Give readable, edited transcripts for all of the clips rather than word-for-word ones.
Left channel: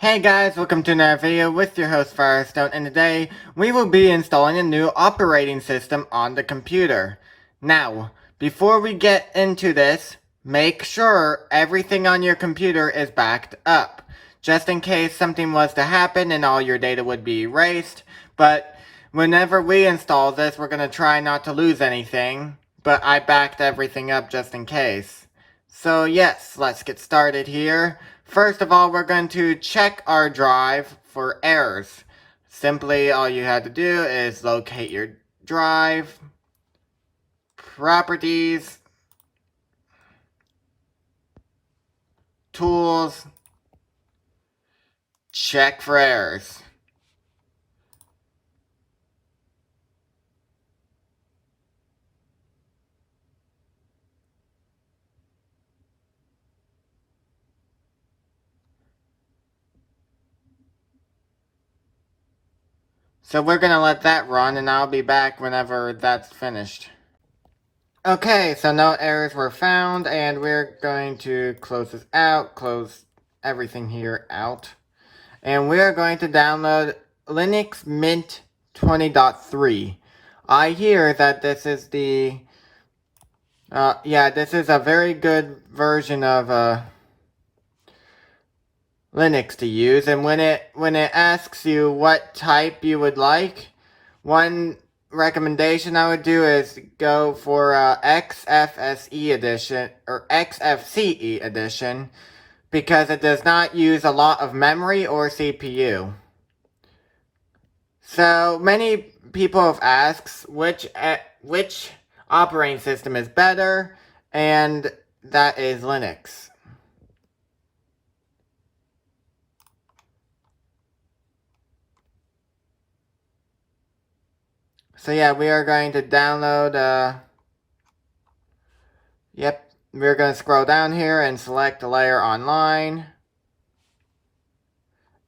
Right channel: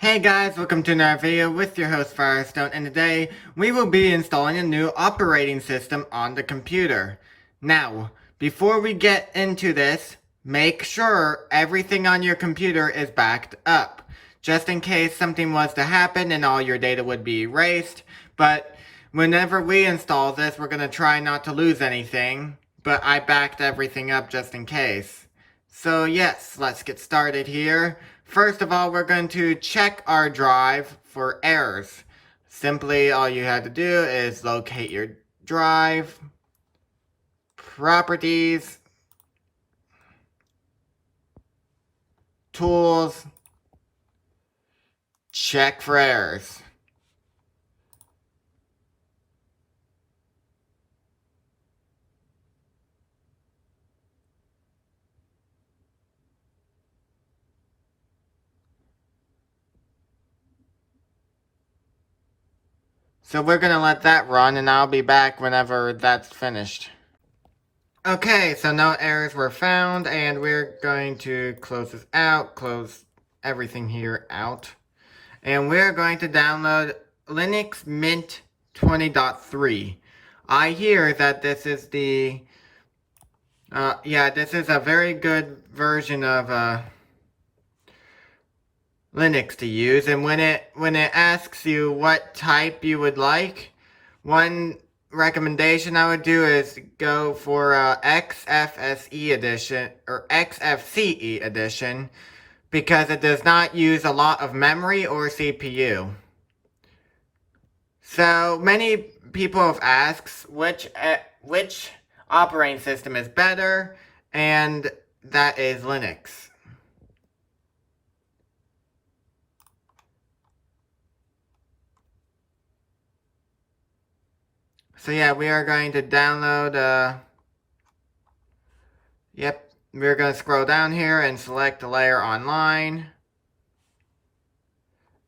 Hey guys, welcome to another video with your host Firestone, and today we will be installing a new operating system on the computer. Now, before we get into this, make sure everything on your computer is backed up, just in case something was to happen and all your data would be erased. But whenever we install this, we're going to try not to lose anything, but I backed everything up just in case. So yes, let's get started here. First of all, we're going to check our drive for errors. Simply, all you have to do is locate your drive, properties, tools, check for errors. So we're going to let that run, and I'll be back whenever that's finished. Okay, so no errors were found, and we're going to close this out, close everything here out. And we're going to download Linux Mint 20.3. I hear that this is the, this is a very good version of, Linux to use, and when it asks you what type you would like, one recommendation I would do is go for XFCE edition or XFCE edition, because it does not use a lot of memory or CPU. So many people have asked which operating system is better, and that is Linux. So yeah, we are going to download, we're going to scroll down here and select the layer online.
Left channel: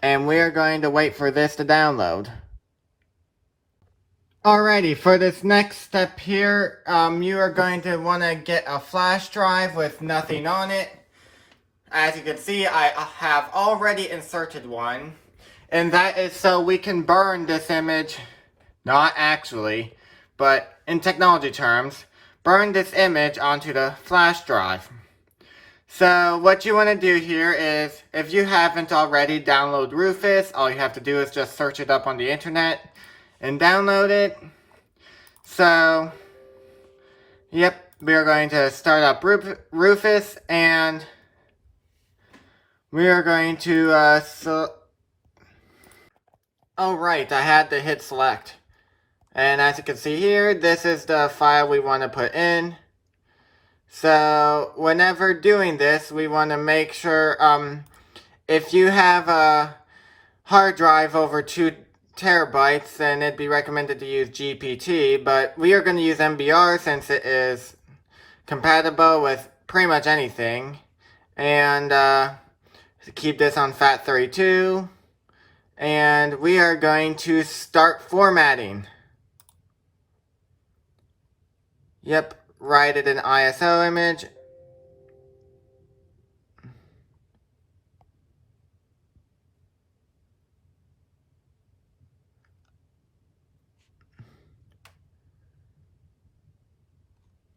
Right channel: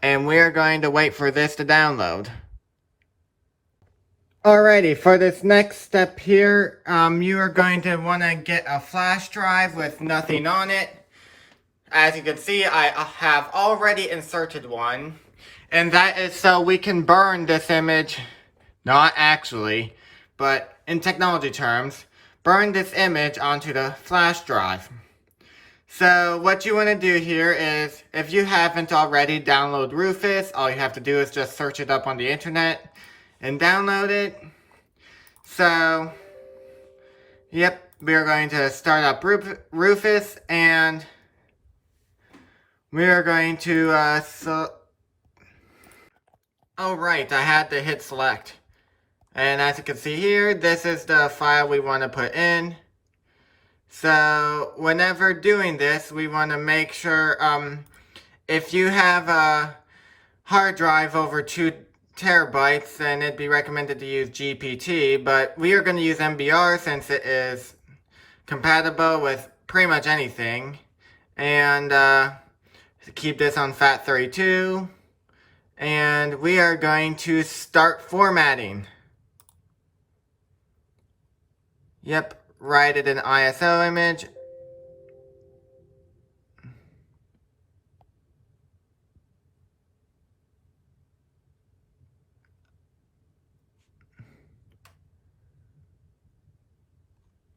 And we're going to wait for this to download. Alrighty, for this next step here, you are going to want to get a flash drive with nothing on it. As you can see, I have already inserted one. And that is so we can burn this image. Not actually, but in technology terms, burn this image onto the flash drive. So what you want to do here is, if you haven't already, download Rufus. All you have to do is just search it up on the internet and download it. So, yep, we are going to start up Rufus, and we are going to, oh right, I had to hit select. And as you can see here, this is the file we want to put in. So whenever doing this, we want to make sure, if you have a hard drive over 2 terabytes, then it'd be recommended to use GPT, but we are going to use MBR since it is compatible with pretty much anything. And keep this on FAT32. And we are going to start formatting. Yep, write it in ISO image.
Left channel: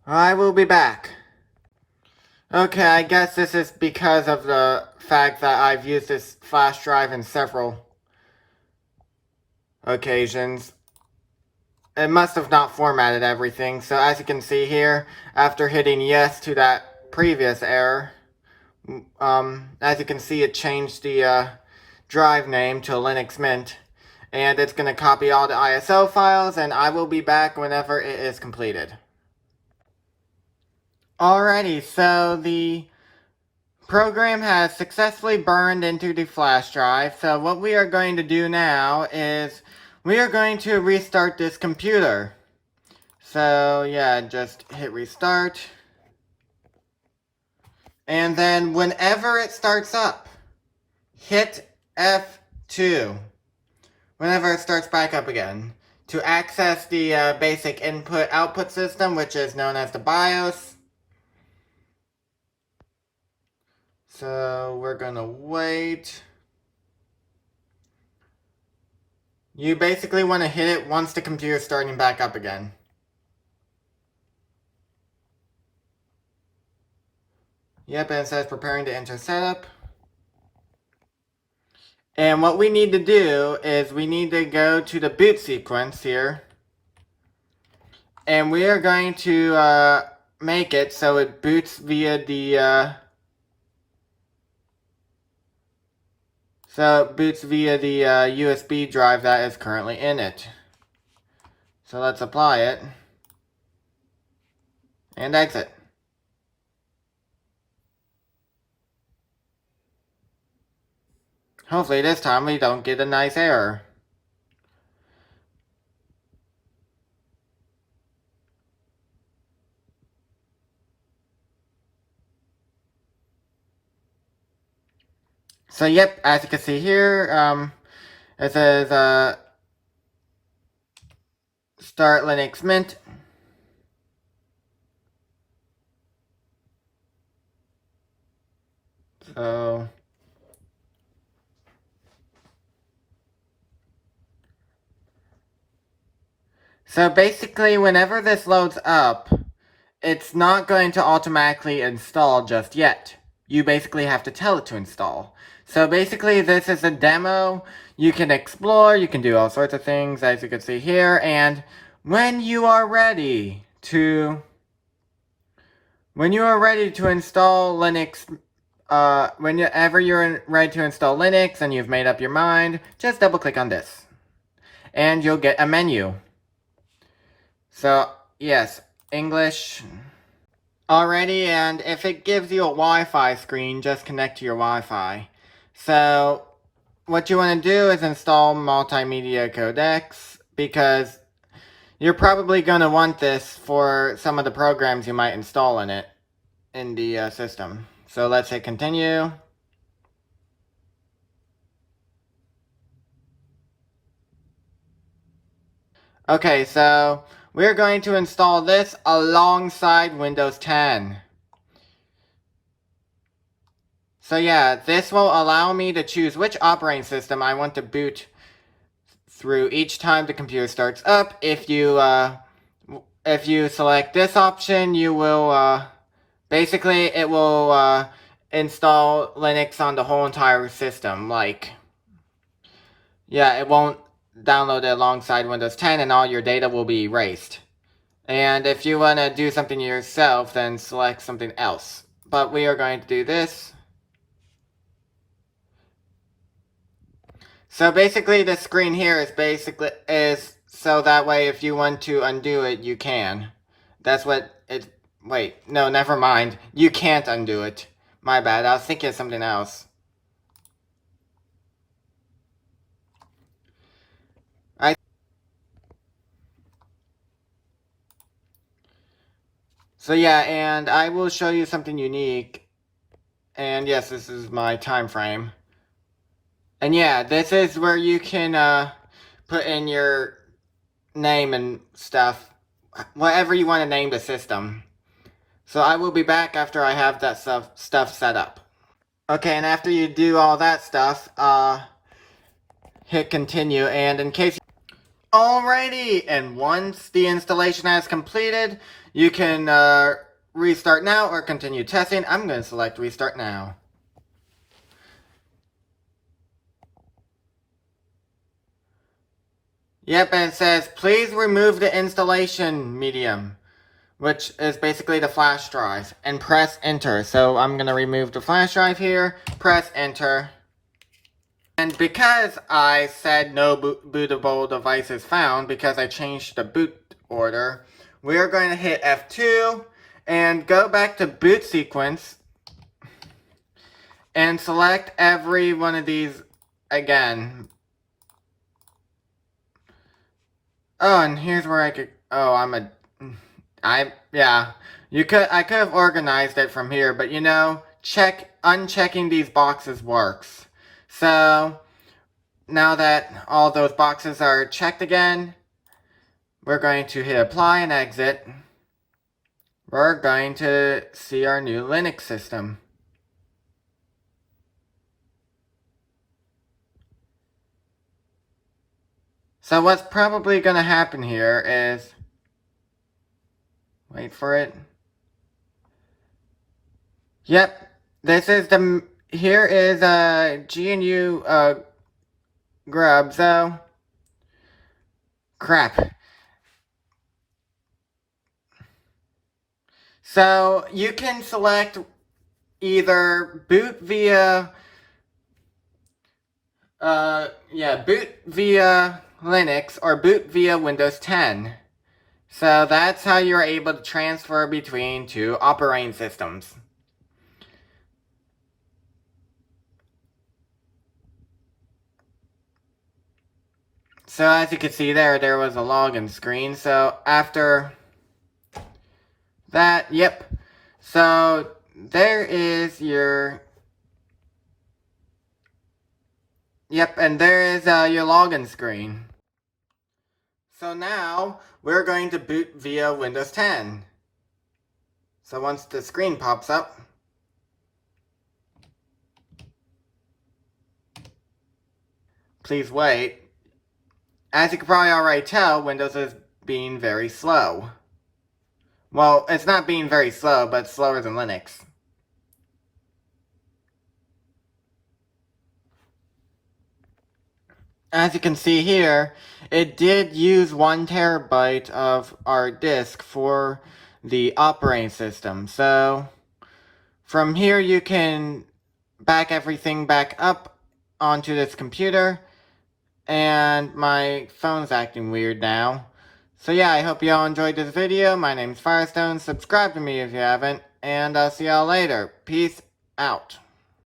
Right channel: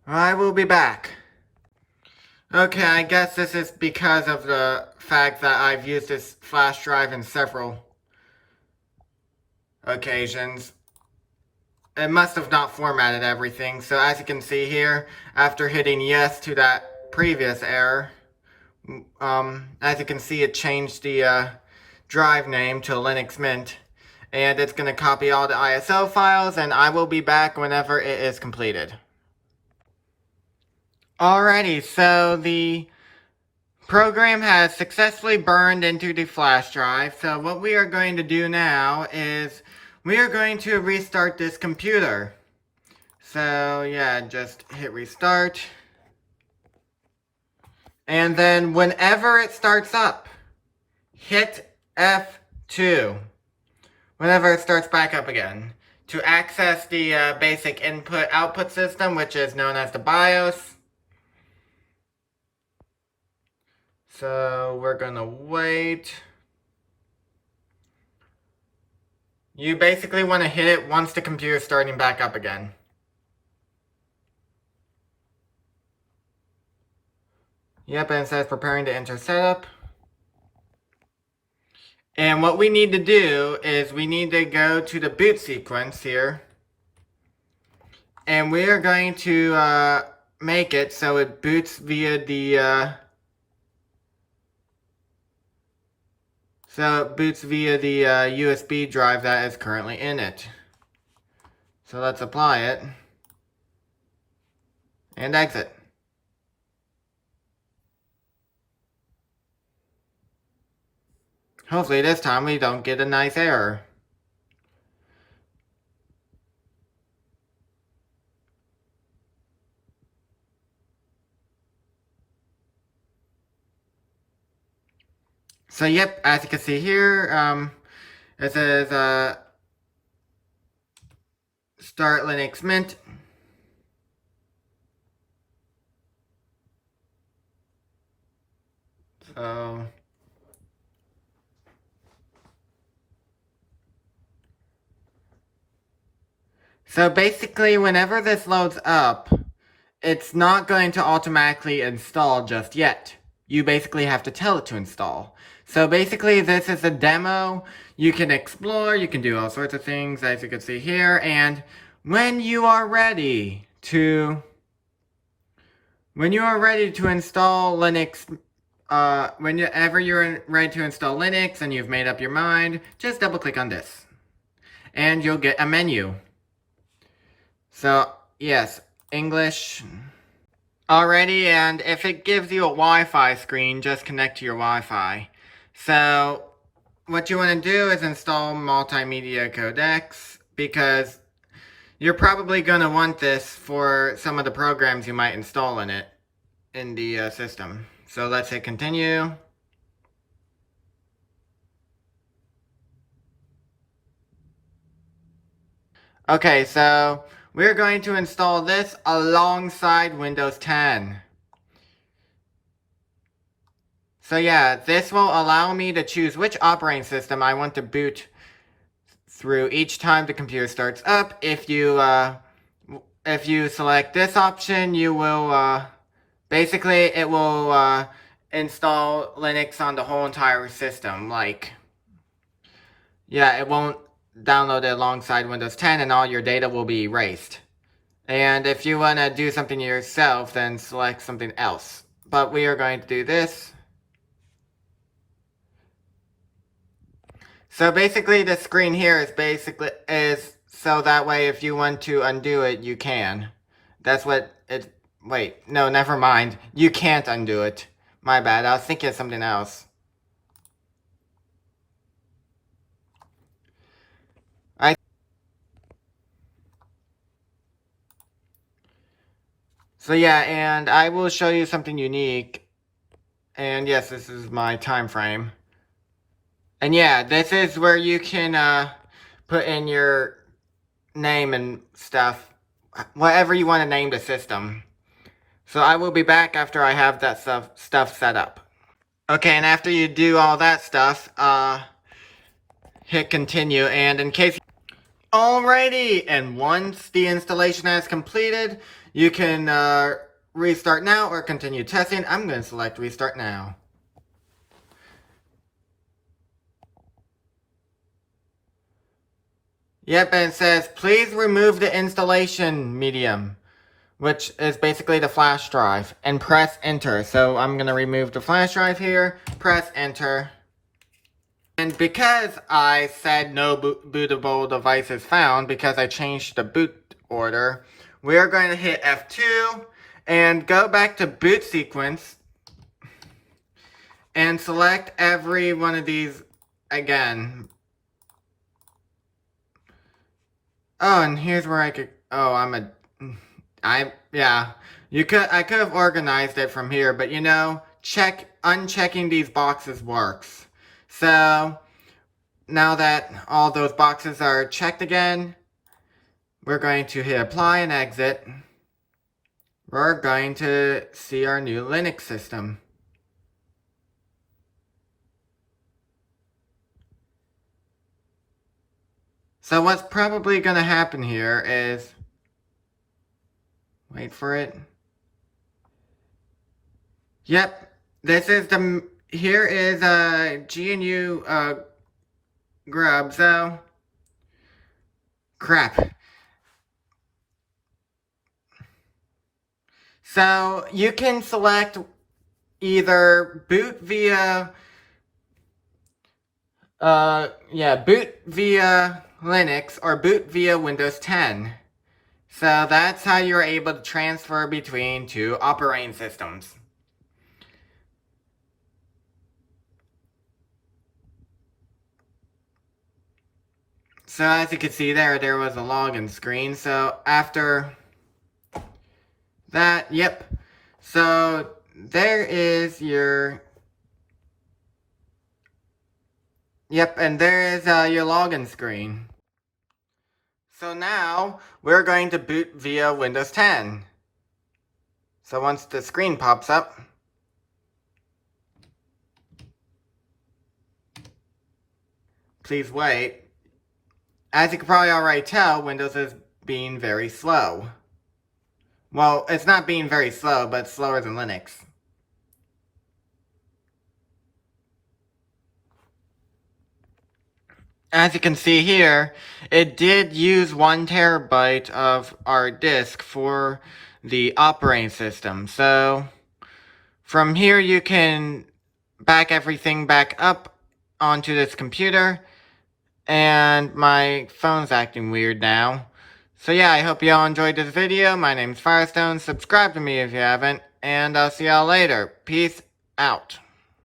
I will be back. Okay, I guess this is because of the fact that I've used this flash drive in several occasions. It must have not formatted everything. So as you can see here, after hitting yes to that previous error, as you can see, it changed the drive name to Linux Mint. And it's going to copy all the ISO files, and I will be back whenever it is completed. Alrighty, so the program has successfully burned into the flash drive. So what we are going to do now is we are going to restart this computer. So yeah, just hit restart. And then whenever it starts up, hit F2. Whenever it starts back up again, to access the basic input-output system, which is known as the BIOS. So we're gonna wait. You basically want to hit it once the computer is starting back up again. Yep, and it says preparing to enter setup. And what we need to do is we need to go to the boot sequence here. And we are going to make it so it boots via the USB drive that is currently in it. So let's apply it and exit. Hopefully this time we don't get a nice error. So yep, as you can see here, it says start Linux Mint. So basically, whenever this loads up, it's not going to automatically install just yet. You basically have to tell it to install. So basically, this is a demo. You can explore, you can do all sorts of things, as you can see here, and when you are ready to install Linux, whenever you're ready to install Linux and you've made up your mind, just double click on this. And you'll get a menu. So, yes, English. Alrighty, and if it gives you a Wi-Fi screen, just connect to your Wi-Fi. So, what you want to do is install multimedia codecs, because you're probably going to want this for some of the programs you might install in it, in the system. So let's hit continue. Okay, so we're going to install this alongside Windows 10. So yeah, this will allow me to choose which operating system I want to boot through each time the computer starts up. If you select this option, you will basically it will install Linux on the whole entire system. Like, yeah, it won't download it alongside Windows 10, and all your data will be erased. And if you want to do something yourself, then select something else. But we are going to do this. So basically, the screen here is so that way if you want to undo it, you can. That's what it. Wait, no, never mind. You can't undo it. My bad. I was thinking of something else. So yeah, and I will show you something unique. And yes, this is my time frame. And yeah, this is where you can put in your name and stuff, whatever you want to name the system. So I will be back after I have that stuff set up. Okay, and after you do all that stuff, hit continue, and in case... Alrighty, and once the installation has completed, you can restart now or continue testing. I'm going to select restart now. Yep, and it says, please remove the installation medium, which is basically the flash drive, and press enter. So I'm going to remove the flash drive here, press enter. And because I said no bootable devices found, because I changed the boot order, we are going to hit F2 and go back to boot sequence and select every one of these again. Oh, and here's where I could... Oh, yeah. I could have organized it from here, but you know, unchecking these boxes works. So, now that all those boxes are checked again, we're going to hit apply and exit. We're going to see our new Linux system. So what's probably gonna happen here is, wait for it. Yep, this is here is GNU grub, so crap. So you can select either boot via boot via Linux or boot via Windows 10. So that's how you're able to transfer between two operating systems. So as you can see there was a login screen. So after that, yep. So there is your, yep, and there is your login screen. So now we're going to boot via Windows 10. So once the screen pops up, please wait. As you can probably already tell, Windows is being very slow. Well, it's not being very slow, but slower than Linux. As you can see here, it did use 1 terabyte of our disk for the operating system. So from here you can back everything back up onto this computer. And my phone's acting weird now. So yeah, I hope you all enjoyed this video. My name's Firestone. Subscribe to me if you haven't. And I'll see y'all later. Peace out.